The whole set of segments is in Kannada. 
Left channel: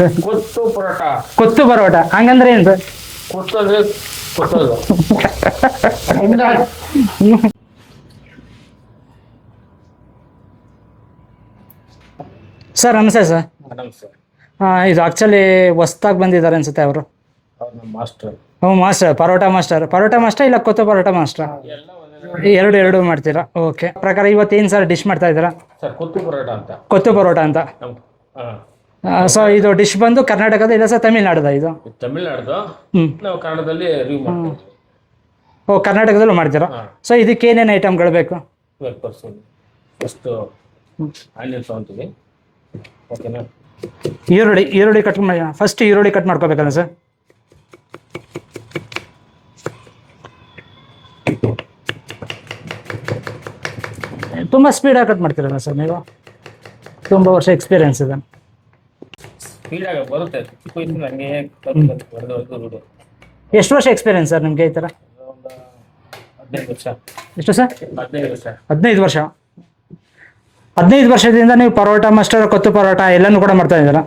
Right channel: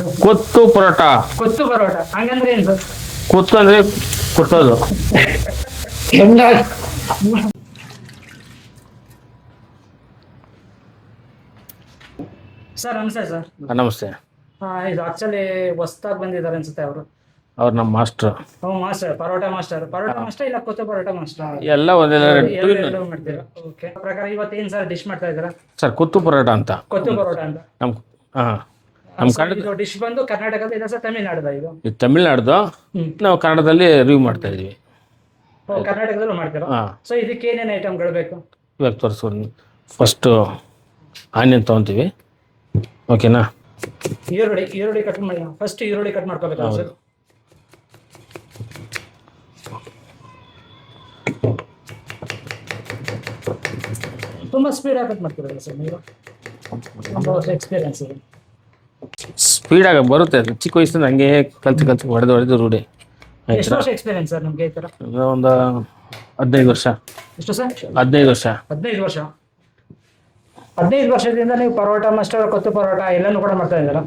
ಸರ್ ಕೊತ್ತು ಪರೋಟ. ಕೊತ್ತು ಪರೋಟ ಹಂಗಂದ್ರೆ ಏನು ಸರ್? ಕೊತ್ತು ಅಂದ್ರೆ ಕೊತ್ತೋದು. ಸರ್ ನಮಸ್ತೆ ಸರ್. ನಮಸ್ತೆ. ಇದು ಆಕ್ಚುಲಿ ಹೊಸ್ದಾಗಿ ಬಂದಿದ್ದಾರೆ ಅನ್ಸುತ್ತೆ ಅವರು. ಅವ್ರು ನಮ್ಮ ಮಾಸ್ಟರ್. ಮಾಸ್ಟರ್ ಪರೋಟ ಮಾಸ್ಟರ್ ಇಲ್ಲ ಕೊತ್ತು ಪರೋಟ ಮಾಸ್ಟರ್? ಎಲ್ಲ ಒಂದೆಲ್ಲ ಎರಡು ಮಾಡ್ತೀರಾ? ಓಕೆ. ಪ್ರಕಾರ ಇವತ್ತೇನು ಸರ್ ಡಿಶ್ ಮಾಡ್ತಾ ಇದ್ದೀರಾ? ಸರ್ ಕೊತ್ತು ಪರೋಟ ಅಂತ. ಕೊತ್ತು ಪರೋಟ ಅಂತ. ಸೊ ಇದು ಡಿಶ್ ಬಂದು ಕರ್ನಾಟಕದ ಇಲ್ಲ ಸರ್ ತಮಿಳ್ನಾಡುದ? ಇದು ತಮಿಳ್ನಾಡ್ದು. ನಾವು ಕನ್ನಡದಲ್ಲಿ ರಿವ್ಯೂ ಮಾಡ್ತಾ ಇದೀವಿ. ಓ, ಕರ್ನಾಟಕದಲ್ಲೂ ಮಾಡ್ತೀರಾ? ಸೊ ಇದಕ್ಕೆ ಏನೇನು ಐಟಮ್ಗಳು ಬೇಕು ಇವಾಗ ತೋರಿಸ್ಕೊಂಡು. ಫಸ್ಟು ಆನಿಯನ್ ತೊಗೊತೀವಿ. ಓಕೆನಾ? ಈರುಳ್ಳಿ ಕಟ್ ಮಾಡಿ. ಫಸ್ಟ್ ಈರುಳ್ಳಿ ಕಟ್ ಮಾಡ್ಕೋಬೇಕಲ್ಲ ಸರ್? ತುಂಬ ಸ್ಪೀಡಾಗಿ ಕಟ್ ಮಾಡ್ತೀರಲ್ಲ ಸರ್ ನೀವು? ತುಂಬ ವರ್ಷ ಎಕ್ಸ್ಪೀರಿಯನ್ಸ್ ಇದೆ. ಸ್ಪೀಡಾಗಿ ಬರುತ್ತೆ. ಚಿಕ್ಕ ವಯಸ್ಸಿಂದ ಹಂಗೆ ಕಲ್ತು ಹೊಡೆದು ರೂಢಿ. ಎಷ್ಟು ವರ್ಷ ಎಕ್ಸ್ಪೀರಿಯನ್ಸ್ ಸರ್ ನಿಮಗೆ ಈ ಥರ? ಒಂದು 15 ವರ್ಷ. ಎಷ್ಟು ಸರ್? 15 ವರ್ಷ. 15 ವರ್ಷ. 15 ವರ್ಷದಿಂದ ನೀವು ಪರೋಟ ಮಾಸ್ಟರ್, ಕೊತ್ತು ಪರೋಟ ಎಲ್ಲನೂ ಕೂಡ ಮಾಡ್ತಾ ಇದ್ದೀರಾ?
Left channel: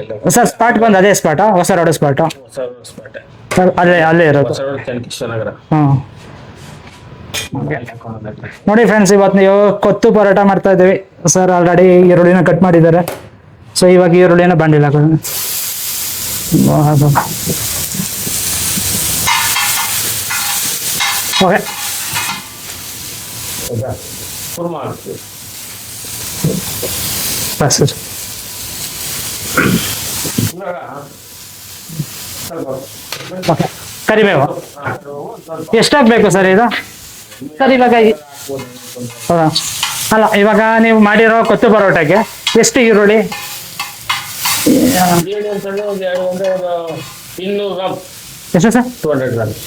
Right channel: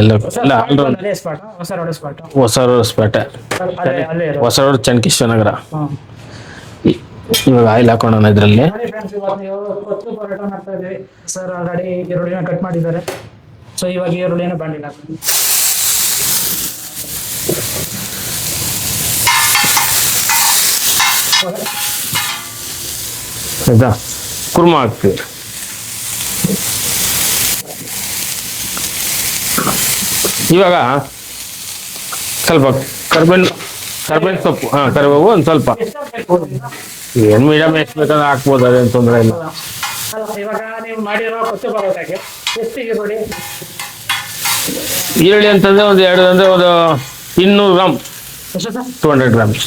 ಎಲ್ಲ ಸರ್ ಸ್ಪಾಟ್ ಬಂದು ಅದೇ ಸ್ಪಾಟ? ಹೊಸ ರೋಡ್ ಸ್ಪಾಟ? ಹೊಸ ರೋಡ್ ಸ್ಪಾಟೆ ಅಲ್ಲೇ ಇರೋದು. ಹೊಸ ರೋಡ್ ಚನ್ನಕೇಶವ ನಗರ. ಇವಾಗ ಆಯಿಲ್ ಹಾಕೋಣ ಇದರಲ್ಲಿ. ನೋಡಿ ಫ್ರೆಂಡ್ಸ್, ಇವತ್ತು ನೀವು ಕೊತ್ತು ಪರೋಟ ಮಾಡ್ತಾ ಇದ್ದೀವಿ. ಸರ್ ಆಲ್ರೆಡಿ ಈರುಳ್ಳಿನ ಕಟ್ ಮಾಡಿದ್ದಾರೆ. ಸೊ ಇವಾಗ ಈರುಳ್ಳಿನ ಬಾಂಡಿಲ್ ಹಾಕೋಣ. ಓಕೆ, ಆಯ್ತಾ? ಕುರ್ಮಾ ಹಾಕ್ತೀವಿ. ಸರಿ. ಇವಾಗ ಸ್ವಲ್ಪ ಕರಿಬೇವು ಸೊಪ್ಪು. ಕರಿಬೇವು ಒಂದು ಸ್ವಲ್ಪ. ಎಷ್ಟಾಗಬೇಕು ಸರ್ ಇದು? ಏನು ಮೀಡಿಯಂ ಹಾಕ್ಬೋದು, ಅದೇನು ತೊಂದರೆ ಇಲ್ಲ. ಅಲ್ಲ, ಇವಾಗ ನೀವು ಮಾಡಿರೋ ಕೊತ್ತು ಪರೋಟಕ್ಕೆ ಎಷ್ಟು ಈರುಳ್ಳಿ ಅಂತಂದ್ರೆ ಒಂದು 200 ಗ್ರಾಮ್. ಎಷ್ಟು ಸರ್? 200 ಗ್ರಾಮ್ಸ್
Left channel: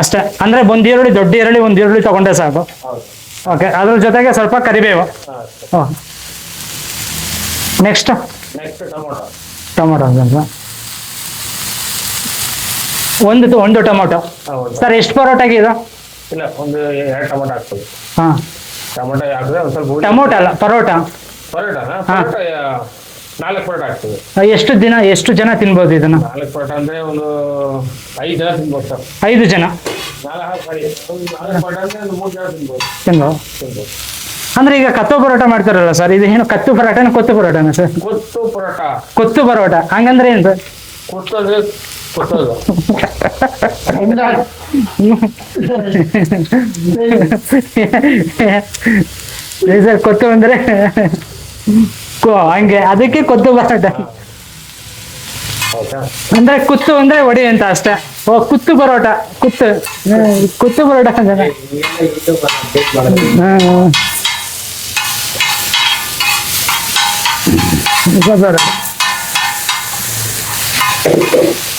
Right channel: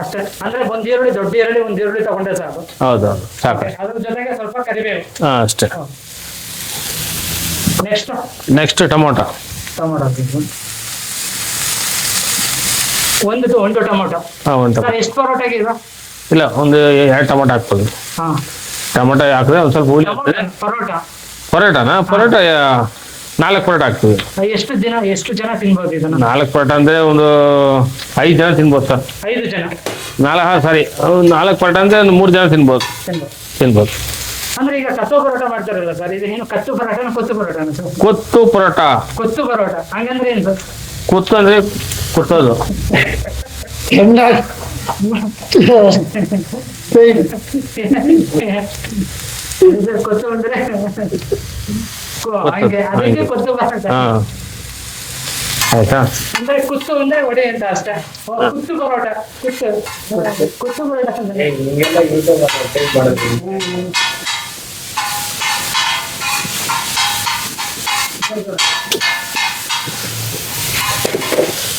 ಅಷ್ಟೇ. ಅಂದ್ರೆ ಒಂದು ಈರುಳ್ಳಿ, ದೊಡ್ಡ ಈರುಳ್ಳಿ ಒಂದು ಈರುಳ್ಳಿ ತಗೊಂಡ್ರೆ ಸಾಕು? ಹೌದೌದು. ಓಕೆ, ಅದ್ರ ಜೊತೆಗೆ ಸ್ವಲ್ಪ ಕರಿಬೇವು. ಅಷ್ಟೇ. Next tomato. ಒಂದು ಟೊಮೊಟೊ. ಸರ್ ಎಷ್ಟು ಪರೋಟಗೆ ಇದು? ಇಲ್ಲ, ಒಂದು 2 ಟೊಮೊಟೊ ಹಾಕ್ಬೋದು. ಟೊಮೊಟೊ ಹಾಕಿದ್ರೆ ಒಂದು ಸ್ವಲ್ಪ. ಟೊಮೊಟೊ ಅಲ್ಲ, ಪರೋಟನಾ? ಪರೋಟ 4 ಪರೋಟ ಹಾಕ್ತೀವಿ. ಎಷ್ಟು ಜನ ತಿನ್ಬೋದು ಇದನ್ನ? 4 ಪರೋಟ ಅಂದ್ರೆ ಒಂದು 5 ಜನ ತಿನ್ಬೋದು ಸರ್. 5 ಜನ? 4 ಪರೋಟ ಅಂದ್ರೆ ಒಂದು 3 ಜನ ತಿನ್ಬೋದು. ಅಂದ್ರೆ ಈಗ ಕತ್ತು ಪರೋಟ ಮಾಡ್ತಾರಲ್ಲ ಸರ್, ಇದು ಏನು ಕತ್ತು ಪರೋಟನ ಕೊತ್ತು ಪರೋಟನ ಸರ್? ಕೊತ್ತು ಪರೋಟ ಹಂಗಂದ್ರೆ ಏನು ಸರ್? ಕೊತ್ತು ಅಂದ್ರೆ ಕೊತ್ತೋದು. ಸರ್ ಕೊತ್ತು ಅಂದ್ರೆ ಹಂಗೆ, ಅದಕ್ಕೆ ಕೊತ್ತು ಪರೋಟ. ಆಯ್ತಾ? ಅಂದ್ರೆ ಕುತ್ತು ಅಂದ್ರೆ ಒಡಿ ಅಂತ ಅಷ್ಟೇ. ಓ, ಕುತ್ತು ಪರೋಟ. ಕುತ್ತು ಪರೋಟ ಅಂದ್ರೆ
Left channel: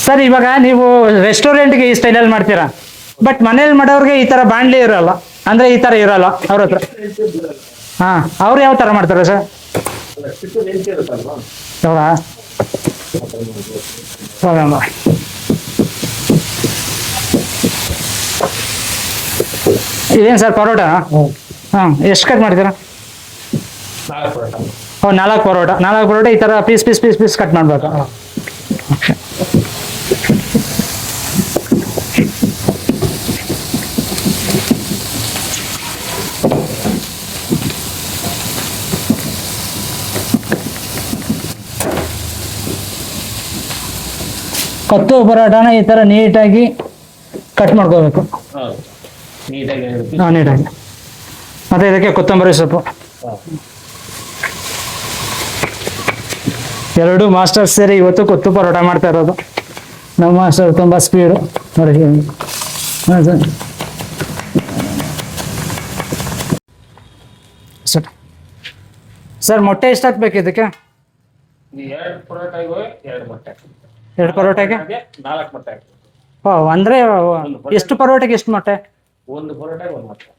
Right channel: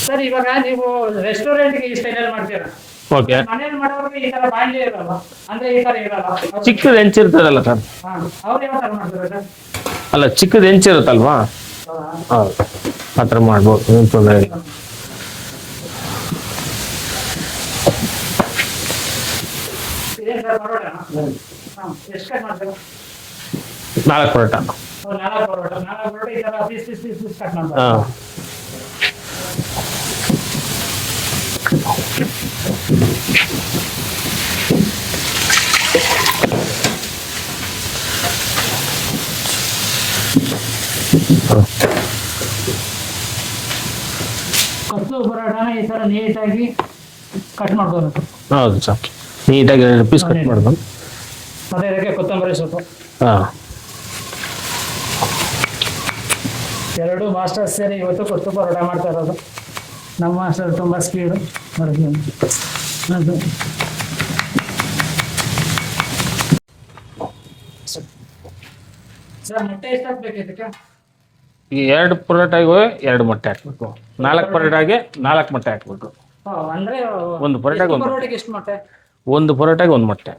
ಸರ್ ಇವಾಗ ನೀವು ರೆಸ್ಟೋರೆಂಟ್ಗೆ ಈ ಸ್ಟೈಲಲ್ಲಿ ಮಾಡ್ತೀರಾ, ಬಟ್ ಮನೇಲಿ ಮಾಡೋರ್ಗೆ ಈ ತರ ಬಾಂಡ್ಲಿ ಇರಲ್ಲ, ಅಂದ್ರೆ ಈ ತರ ಇರಲ್ಲ. ಅವ್ರ ಚಿಕ್ಕದ ಹೆಂಚಿರ್ತದಲ್ಲ ಸರ್. ಅವ್ರು ಯಾವ ತರ ಮಾಡ್ತಾರೆ ಸರ್? ಅಲ್ಲ, ಚಿಕ್ಕದ ಹೆಂಚಿರುತ್ತಲ್ವಾ, ಆ ಥರ ಮಾಡ್ಬೋದು. ಇದೇನು ಸರ್ ಪರೋಟ? ಎಷ್ಟು ಕಟ್ ಮಾಡ್ತೀರಾ? 4 ಪರೋಟ. 4 ಪರೋಟ ಈ ತರ ಪೀಸ್ ಕಟ್ ಮಾಡ್ಬೇಕು. ಕೊತ್ತು ಪರೋಟನ ಈ ತರ ನೀಟಾಗಿ ಕಟ್ ಮಾಡ್ಕೋಬೇಕು. ಹೌದು ಸರ್, ನೀಟಾಗಿ ಪೀಸ್. ಮತ್ತೆ ಇದಕ್ಕೆ ಕೊತ್ತಂಬರಿ ಸೊಪ್ಪು. 2 ಮಾಸ್ಟರ್ ಸೇರಿ ಇವತ್ತು ಕೊತ್ತು ಪರೋಟ ಮಾಡ್ತಾ ಇರೋದು. ನಮ್ಮ ಮಾಸ್ಟರ್ ತುಂಬ ಸ್ಪೀಡು. ಸರ್ ಮೊಟ್ಟೆ ಎಷ್ಟು ಹಾಕ್ಬೇಕು ಇದಕ್ಕೆ? 2 ಪರೋಟಾಗೆ 2 ಮೊಟ್ಟೆ ಹಾಕ್ಬೇಕು. 4 ಪರೋಟಾಗೆ 4 ಮೊಟ್ಟೆ ಹಾಕ್ಬೇಕು. ಅಂದ್ರೆ ಎಷ್ಟು ಪರೋಟಗೆ ಎಷ್ಟು ಮೊಟ್ಟೆ? 1 ಪರೋಟಾಗೆ 1 ಮೊಟ್ಟೆ.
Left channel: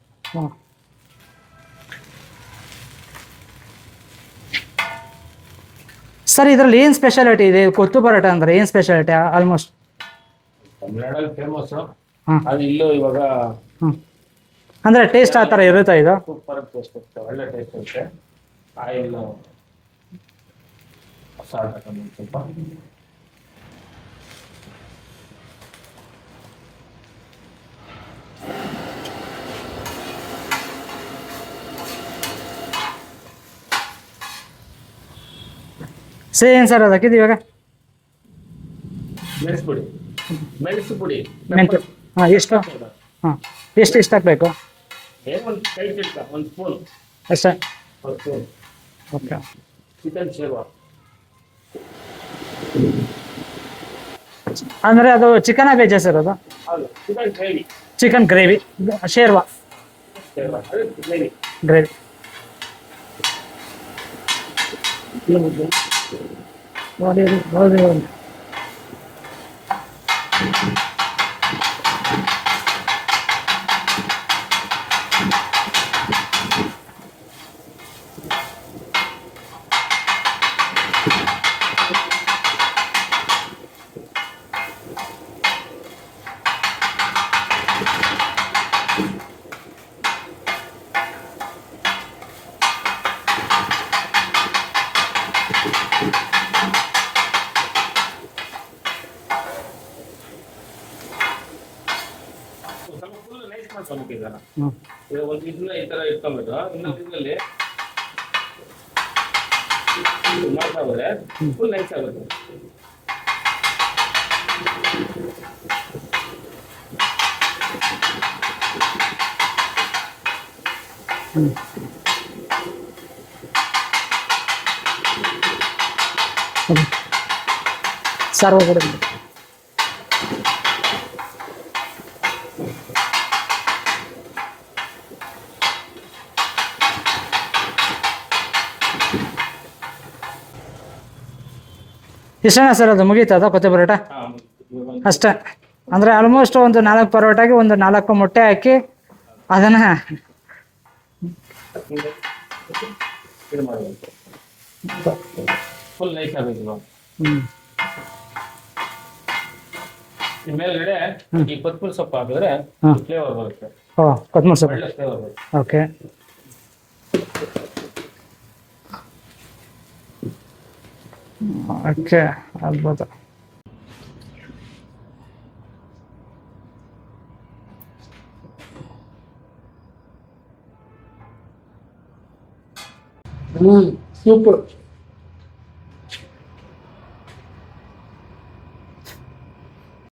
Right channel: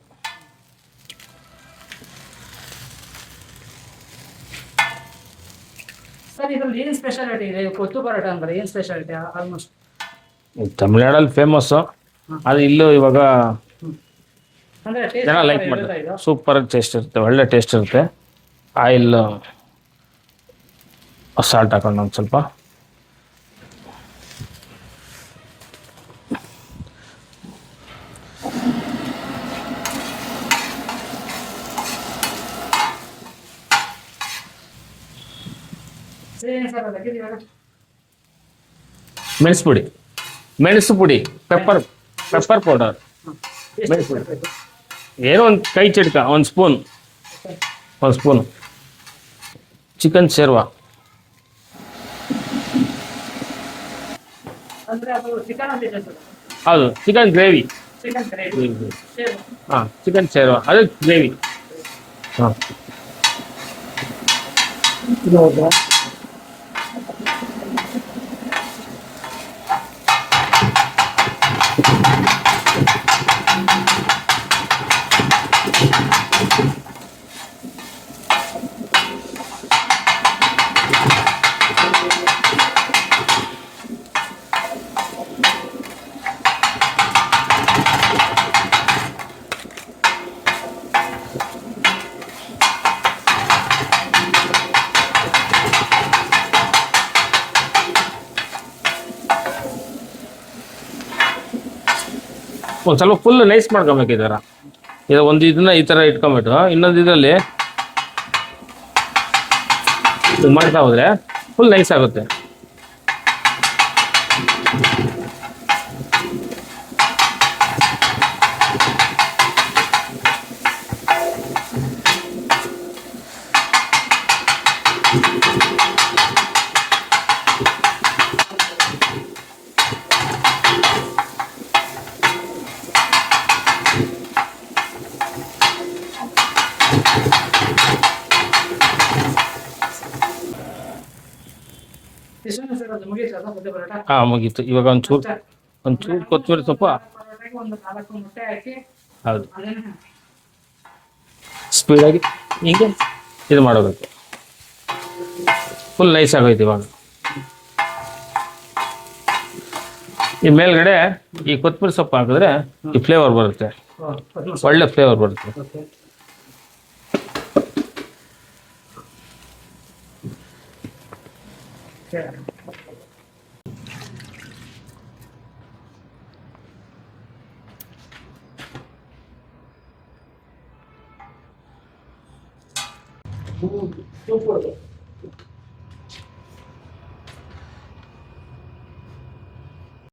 ಸರ್ ಇದ್ರಲ್ಲಿ ಏನ್ ಸ್ಪೆಷಾಲಿಟಿ ಇದೆ? ಕೊತ್ತು ಪರೋಟ ಅಂದ್ರೆ ಏನ್ ಸ್ಪೆಷಾಲಿಟಿ? Almost ತಮಿಳ್ನಾಡಲ್ಲಿ famous. ಅದು ಇಲ್ಲೂ ಇವಾಗ ಅಂದ್ರೆ ಟೇಸ್ಟ್ ಆ ಥರ ಇರುತ್ತೆ. ಇದು ಸೂಪರ್ ಟೇಸ್ಟ್ ಇರುತ್ತೆ, ಒಳ್ಳೆ ಟೇಸ್ಟ್ ಇರುತ್ತೆ. ಆಯಿಲ್ ಸಾಲ್ಟ್ ಹಾಕೊಂಡು ಒಂದು ಸ್ವಲ್ಪ. ಏನು ಸರ್ ಅದು ಹಾಕಿದ್ದು ಇವಾಗ? ಮೆಣಸು ಪುಡಿ, ಪೆಪ್ಪರ್ ಹಾಂ, ಎಷ್ಟು? Pepper powder. ಹಾಂ, ಎಷ್ಟು ಹಾಕಬೇಕು? ಏನೋ ಒಂದು ಕೈ ಚಿಟ್ಕ, ಒಂದು ಸ್ಪೂನ್, ಅಷ್ಟೇ. ಒಂದು ಸ್ಪೂನ್. ಓಕೆ. ಚಿಕನ್ ಶೇರ್ವಾ ಅಂದರೆ ಅದು ಚಿಕನ್ ವೆಜ್ಜಾ ಸರ್ ಅದು? ಹೌದು, chicken gravy. Chicken gravy sherva. ಹಾಂ, ಚಿಕನ್ ಶೇರ್ವಾ ಅದು ಗ್ರೇವಿ. ಹಾಂ, ಹೌದಾ? ಒಂದು ಸ್ವಲ್ಪ ಫುಲ್ ನೈಸ್ ಮಾಡ್ಕೊಬೇಕು ಈ ಥರ. ಇದು ಒಂದು ಇದನ್ನ ಈ ಥರ ಇಟ್ಕೊಂಬಿಟ್ಟು ಇನ್ನೊಂದು ಇದರಲ್ಲಿ ಮಾಡ್ತಾ ಹೋದ್ರೆ ಫುಲ್ ನೈಸ್ ಆಗುತ್ತೆ. ಸರ್ ಒಳಗಡೆ ಇಷ್ಟೇನಾ ಸರ್? ಅದು ಮುಗೀತದ ಕೊತ್ತೆ ಪರೋಟ? ಹಾಂ, ಮುಗೀತು. ಇವಾಗ ಒಂದು ಅಷ್ಟೇ. ಅಂದ್ರೆ ಆಲ್ಮೋಸ್ಟ್ ಒಂದು 4 ಪರೋಟಾಗೆ ಒಂದು 4 ಮೊಟ್ಟೆ ಹಾಕಿ ಹೌದು ಅದನ್ನ ಸ್ಪೀಡಾಗಿ ಹಿಂಗೆ ಇದು ಮಾಡಬೇಕು. ಫುಲ್ ನೈಸ್ ಆಗೋಯ್ತು ಇವಾಗ. ಈ ಮೇಲ್ಗಡೆ ಈ ಕೊತ್ತಂಬರಿ ಸೊಪ್ಪು ಹಾಕಿದ್ರೆ ಈ ಫ್ಲೇವರ್ ಬರುತ್ತೆ, ಕೊತ್ತಂಬರಿ ಸೊಪ್ಪು ಒಳ್ಳೆ ಫ್ಲೇವರ್ ಬರುತ್ತೆ. ಓಕೆ. ಓಕೆ, ಅದ್ಭುತ. ಸೂಪರ್.